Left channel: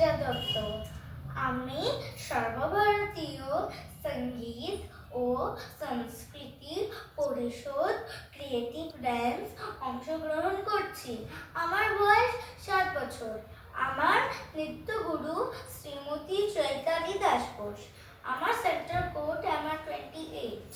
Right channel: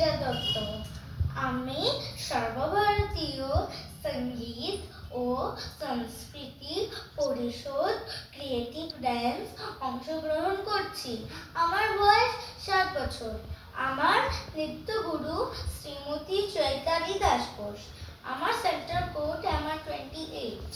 নীরা দত্ত। আমি সর্বভারতীয় সঙ্গীত ও সংস্কৃতি পরিষদ ক্রিয়েটিভ ড্যান্স অংশগ্রহণ করছি। আমার বয়স 7 বছর। আমার নৃত্যগুরু শ্রীমতী চৈতালি দাস ঘোষ। আমার সেন্টার কোড আমার 28।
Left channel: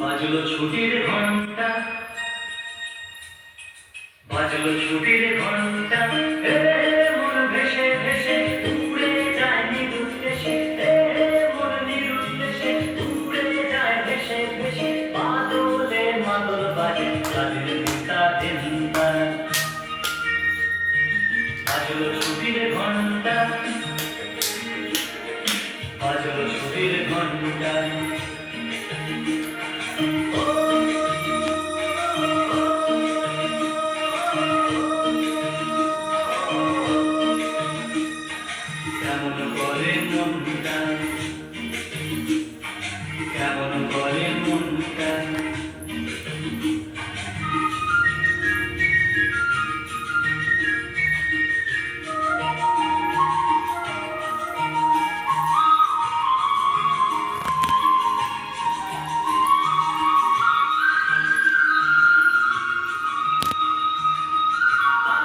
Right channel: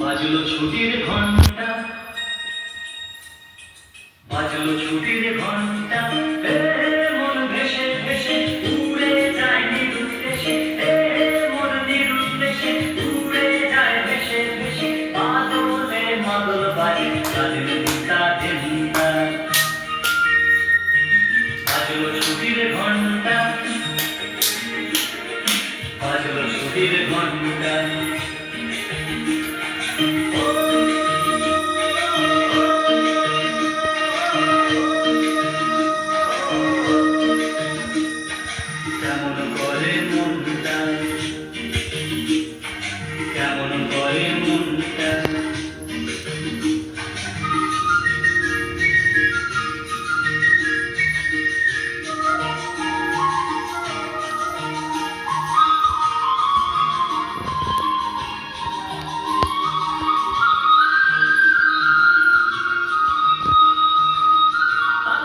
বাজলো ছুটির ঘন্টা, বাজলো ছুটির ঘন্টা, মন ভেসে ভেসে উড়ে যায় নিরুদ্দেশে, মন নিরুদ্দেশে উড়ে যায় ভেসে ভেসে, বাদলে মাদল বাজে তাদের চিন্তা চিন্তা। বাজলো ছুটির ঘন্টা, বাজলো ছুটির ঘন্টা। কেমন করে মনটা, কেমন করে মনটা,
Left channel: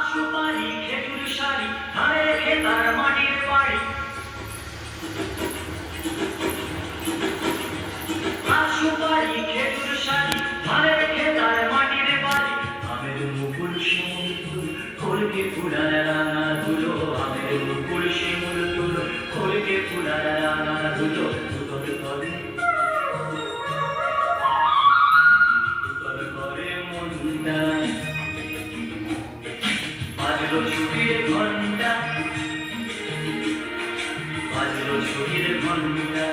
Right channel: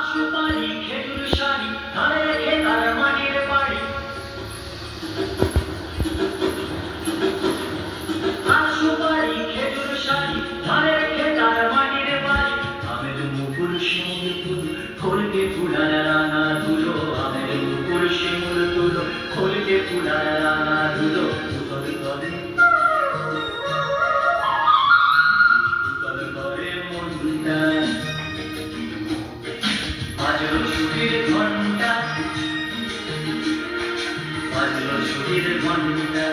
সুপারি খেজুর শাড়ি ধারে রেখে তার মাটির বাড়ি, সুপারি খেজুর শাড়ি ধারে রেখে তার মাটির বাড়ি। আমের মুকুল শিমুল তুল খোলকে ফুলার রাঙা ধুলো, আমের মুকুল শিমুল তুল খোলকে ফুলার রাঙা ধুলো। উতল করে উতল করে মনটা, বাজলো ছুটির ঘন্টা, বাজলো ছুটির ঘন্টা।